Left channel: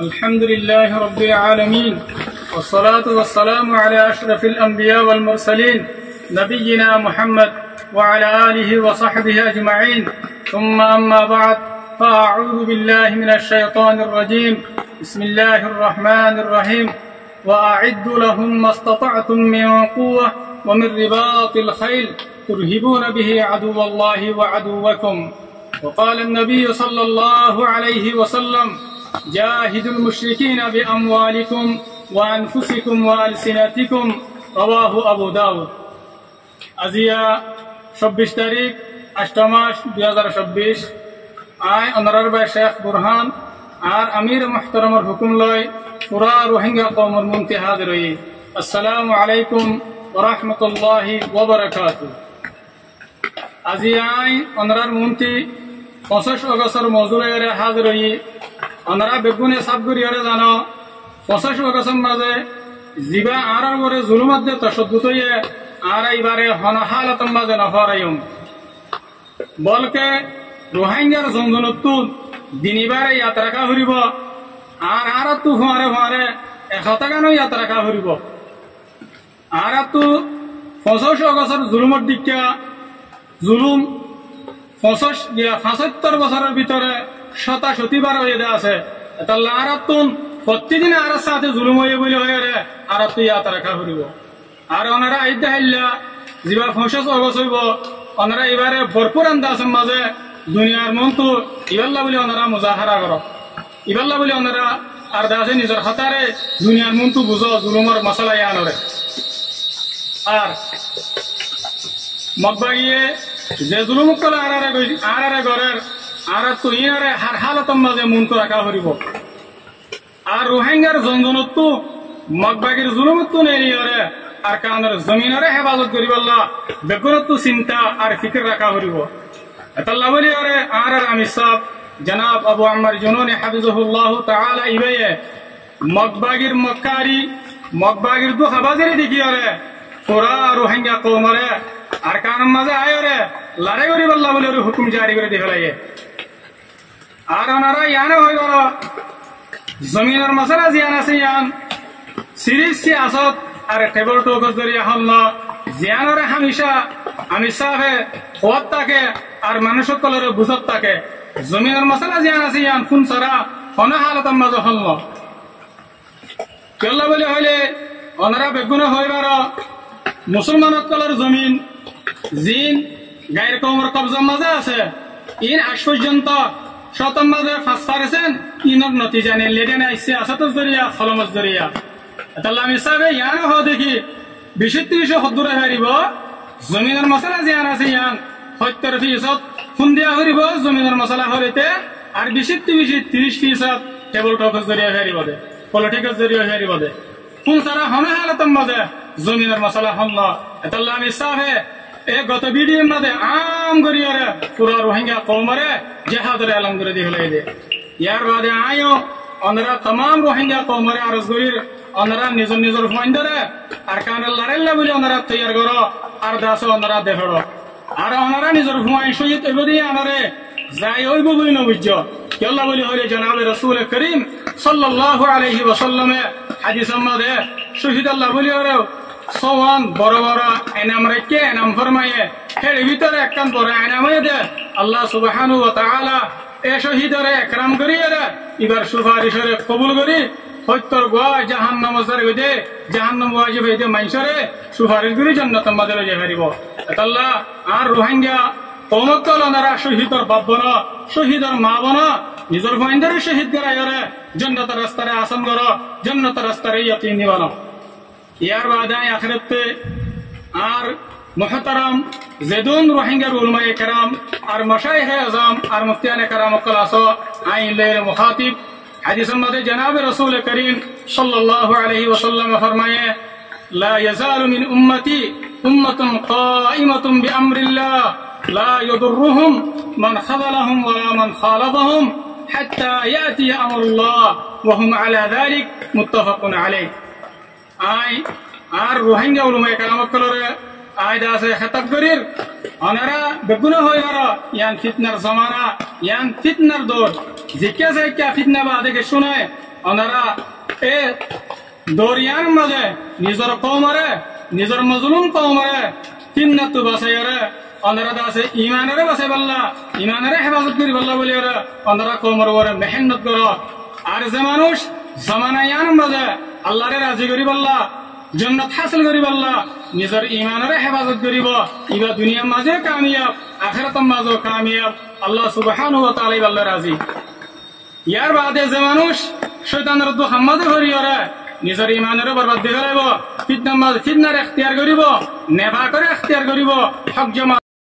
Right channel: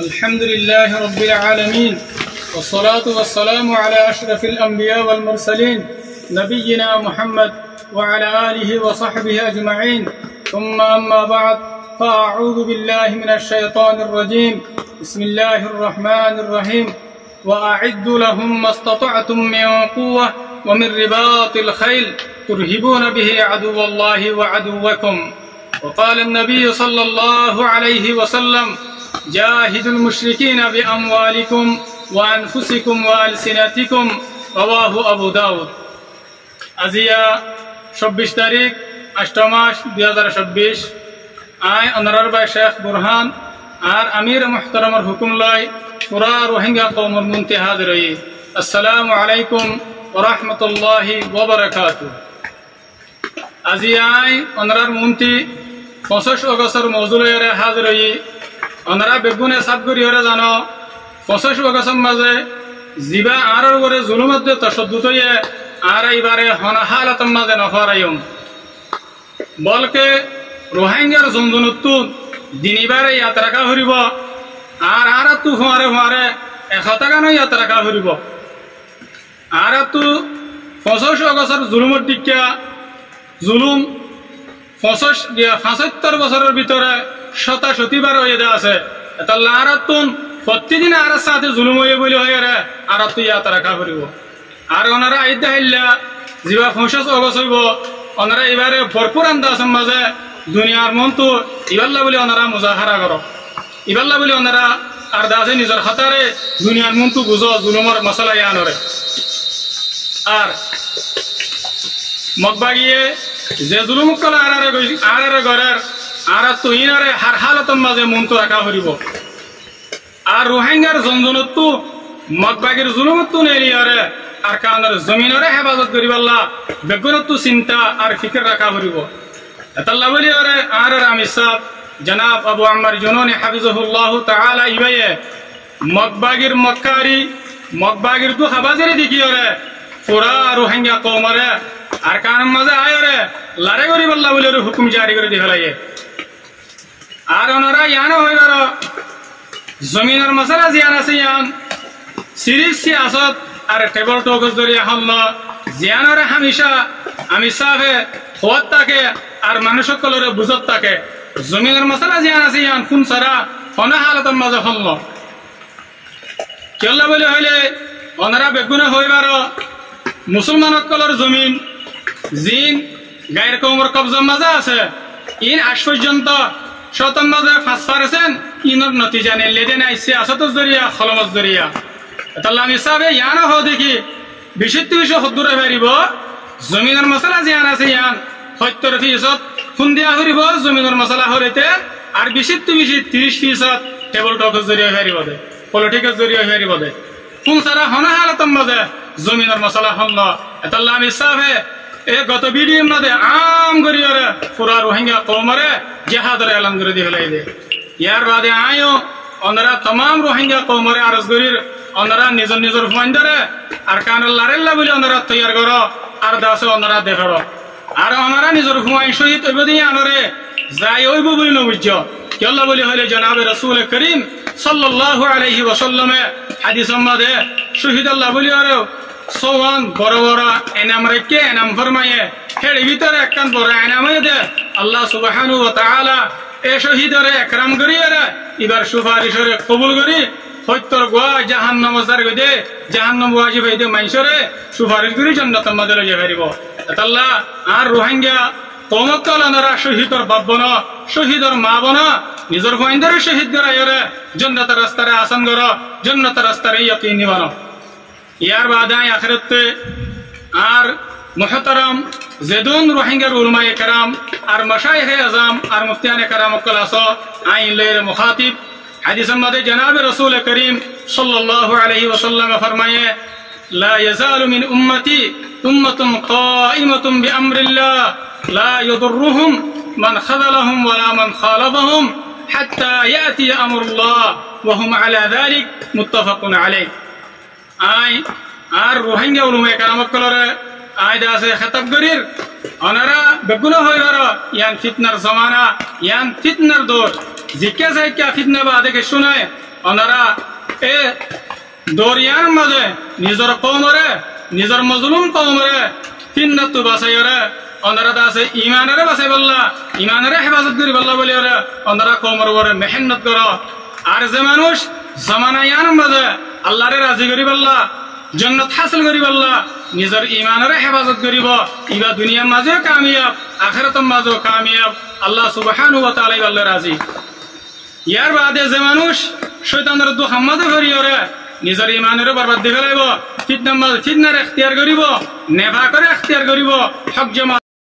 الحمد لله رب العالمين والصلاة والسلام على أشرف الأنبياء والمرسلين نبينا محمد وعلى آله وصحبه أجمعين ثم أما بعد فأعوذ بالله من الشيطان الرجيم بسم الله الرحمن الرحيم وأعدوا لهم ما استطعتم من قوة ومن رباط الخيل ترهبون به عدو الله وعدوكم وقال النبي صلى الله عليه وسلم جاهدوا المشركين بأموالكم وأنفسكم وألسنتكم رواه أبو داود أزيا 26 তারিখ 8 মাস 2026 আই অনারার ভাই শেখ বুরহান আর আমির মুহতারামের হুকুম লয় পুরা রোহিঙ্গা কওমের মুনতে হাজির হই আসসালামু আলাইকুম ওয়া রাহমাতুল্লাহি ওয়া বারাকাতুহু আজি আই অনারার মুনতি 25 অগস্টের মওজুলয়ে হাজির হই অনারা বেগুনে সাবগুরিয়রে জানো 25 অগস্টের মাঝে জিবা আরর করে জুলুমত দে তশদ্দুদ হয়ে আর এইবারে হন হালাতের মাঝে নফরাইম বলকে রোহিঙ্গার জনজনত্তু দিনিবারে ইয়াত্রাকা হরিব আর আরাতু ফুয়ারে 100 টাকা নয় ইয়াত্রাকা হরিব আরাতু 25 অগস্টের জুলুমত দিকা জুলুম 75 বছরের ভিতরে 77 বার হয়ে দে আছে তাহলে আরাতুন প্রতিদিন আর সাথে জুলুম হয়ে বলে হয়ে রে আরাতু ইয়াত্রাকা হরিব আর ওনারা আইদা হাইল্লা জিবা 25 অগস্ট হইব ওনারা এবারে ভরপুর আন্দাজের মাঝে দুনিয়ার মনতো ইবাল্লা বলে ওনারা মুজাহারা করো ইবাল্লা বলে ওনারা আর দাসে নিজের হাতারে দুনিয়ার মনতো বুঝো জুলুমের মশলা ইয়ানরে আর মগবাগিয়ে যে জুলুম কলা আরারে গরের আর তুহিনারে হার হালতের মাঝে মনতো রাখা হরিব আর রোহিঙ্গার জনজনত্তু মগবাগির জুলুমত্তু নেলিয়ারে আর কানের জমিনরে হেফাজত করিবাল্লা বেগুনত্তু চিন্তা আর ফিকির রাখা হরিব এতাল্লা বলি আরে আর আমির সাহেব জনাব আবু আম্মার জুনুনি হাফিজাহুল্লাহ তাআলা ইবায়ে মগবাগির মক্কারি মগবাগির দু হাবাজেরি দিকি আরে পুরা রোহিঙ্গা কওমরে আর কানের মাঝে আয়রে লারে করিবাল্লা বলি হুকুম জারি করে দি ফেলাইয়ে আর ওনারা ইয়ানো হইবার জমিনের মশলা জিয়ান আছে ইয়ান সিরিজ সিয়াসত আর টেবল টকস দরিয়া হল জিয়ানরে হামেশা আমি সাহে হওয়াত থাকে আর মানুষ সকলরে বুঝত থাকে জমিনের মশলা জিয়ান আছে ইয়ান ফুন সারা হন হালতের মাঝে হল কেল্লা বলে হইলে ওনারা বেগুনে হইবার মুসলমান সকলের জমিন জিন গায়ের কৌমর কবজার মাঝে আছে ইন আজ পর্যন্ত শতম মাঝে 5% ইনর নতিজা নেই লেদেন আইসে আসতর জরিয়া খলমত জরিয়া তাহলে আমি সাবে ইয়ানো হো দেখি 20-30 হদ্দুরে হারিব জমিনের মশলা জিয়ান আছে ইয়ান 70% খুন দিয়া হরিব জমিনের মশলা হরিতে আর 20-30% টেবল টকের জরিয়া হারিব দে পলিটিক্যাল জরিয়া হারিব দে কোন সারা হনা হালতম মাঝে জমিনের মশলা হল তাহলে আমি সাবে এ গত ভিডিওর মধ্যে আম গরিয়রে পুরা রোহিঙ্গা কওমরে জিহাদের এলান করে দি হলাই দে ইয়ার বাদে আয়ো ওনারা तमाम রোহিঙ্গা কওমরে আরজ গরির ওনারা নিজর নিজর ফাইন্ডরে আর কানের লারেল্লা বলে ওনারা তৈয়ার করো আর দাসে ওনারা দেখড়ো আর ওনারা নিজর হুমায়ুন শহীদ হইব দিয়ে আনরে যাই হইব বলে নবুঝ কেল্লা বলে হইলে জনাবে রাসূল করিম সাল্লাল্লাহু আলাইহি ওয়াসাল্লামে হাদিসের মধ্যে শহীদ আল্লাহ বলি আরো সোয়ান বড় বড় এনাম রেখে এনাম ফরমায়ে হের ভিতরে একখান বড় এনামে দে আল্লাহ সুবহানাহু ওয়া তাআলা এ শহীদরে একরাম করিয়ে এবার সুপারিশরে কবুল করি হত্যর গোয়া জাহান্নাম জার গদে জাহান্নাম ওয়াজিব হইদে মাইশরে সুপারিশ করি জান্নাতের মাঝে লয়ে যাইব আল্লাহ আর রোহিঙ্গা কওমতল ওনারা শহীদর বাবন শহীদর মা বন নিজর ফাইন্ডরে শহীদ করাইরে জান্নাতের রাস্তায় আসান করো জান্নাতের রাস্তায় ইয়াকিন বানো ইয়ার বাদায় আখিরাতে আর মুহতারাম জেদুন রোহিঙ্গার উলামায়ে কেরাম আর মাশায়েখে আযম আর মুফতিয়ানে কেরাম কলাসো আইন লের মুখাতিব হাদিসের মধ্যে জনাব রাসূল করিম সাল্লাল্লাহু আলাইহি ওয়াসাল্লাম ফরমায়ে লা ইয়াজালু মিন উম্মতি উম্মাতুন কাইমাতুন বিআমরিল্লাহ লা ইয়াদুররুহুম মান খাযালাহুম ওয়ালা মান খালাফাহুম হাত্তা ইয়াতি আমরুল্লাহ ওয়া হুম আলা যালিক মুত্তাফাকুন আলাইহি আই আর রোহিঙ্গা উলামায়ে কেরাম কলরে আয় দাসে খেতাব করির ওনারা বেগুনা হইবার ইয়ান ফিতনার জমানা ইয়ান ফিতনার দৌর জিজ্ঞাসা কিয়া ফিতনা বা দেখে শোনায় ওনারা এ দরিয়ার মাঝে নিজের কৌমরে নিজের মজলুম কৌমরে তিন্নাতু বাসাইরে ওনারা আছে ইমানের বাসাই বললা ইমানের হেফাজত করি বললা বলি ওনারা কৌমর ওরে মেহনত করো আর যে মানুষ জামানায়ান মাঝে আল্লাহরে রাজি করি বললা জন্নত হাসিল করি বললা নিজের ইমানের হেফাজত করিব ইবা দুনিয়ার মাঝেও কামিয়াব আখিরাতের মাঝেও কামিয়াব আল্লাহ সুবহানাহু ওয়া তাআলা বললা রাজি ইয়ার বাদে যে মানুষ শয়তানের দুখার মাঝে ভরি ওরে নিজের ইমানের বরবাদ দিয়ে ফেলাইব ফিতনার এখতিয়ার করিব নেভা করে এখতিয়ার করিব হক জমা